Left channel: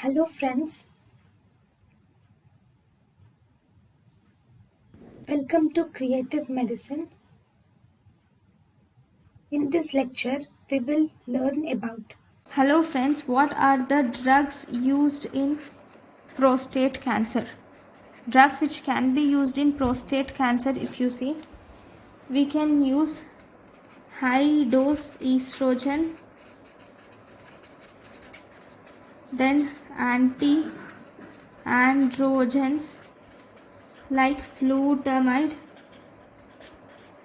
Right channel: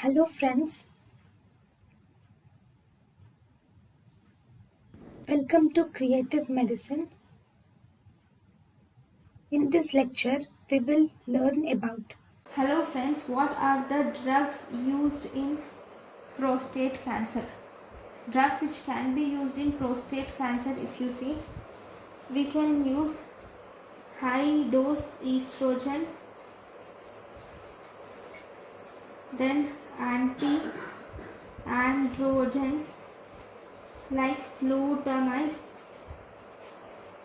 Hello friends, welcome to Creative Medicine. In this lecture, we will learn about. Hello friends, what are the drugs used in prostate cancer? Drugs which can be used in prostate cancer, if you see, we can use high dose estrogen, then anti-androgens like flutamide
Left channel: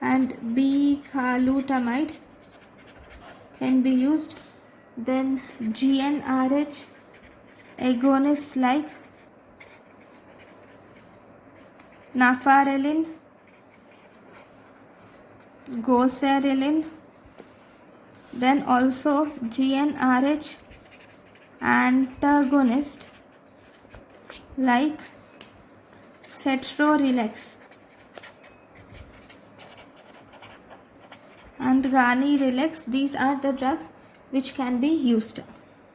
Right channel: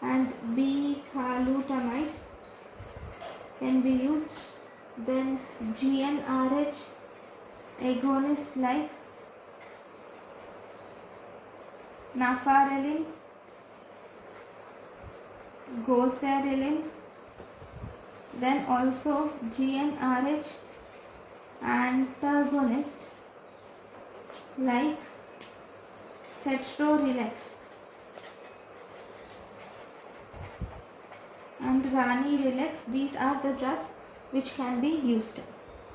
and bicalutamide can be used, then GnRH agonists like nafarelin, goserelin, then also GnRH antagonist like cetrorelix and ganirelix. These are the drugs which can be used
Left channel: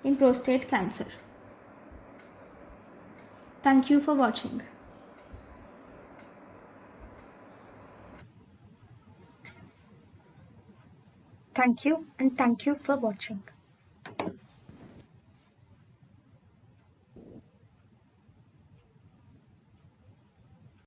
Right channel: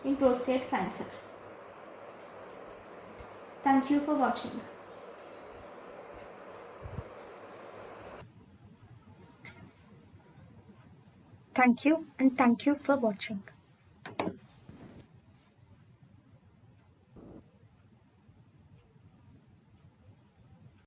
in prostate cancer. Thank you for watching. Thank you and thank you for watching.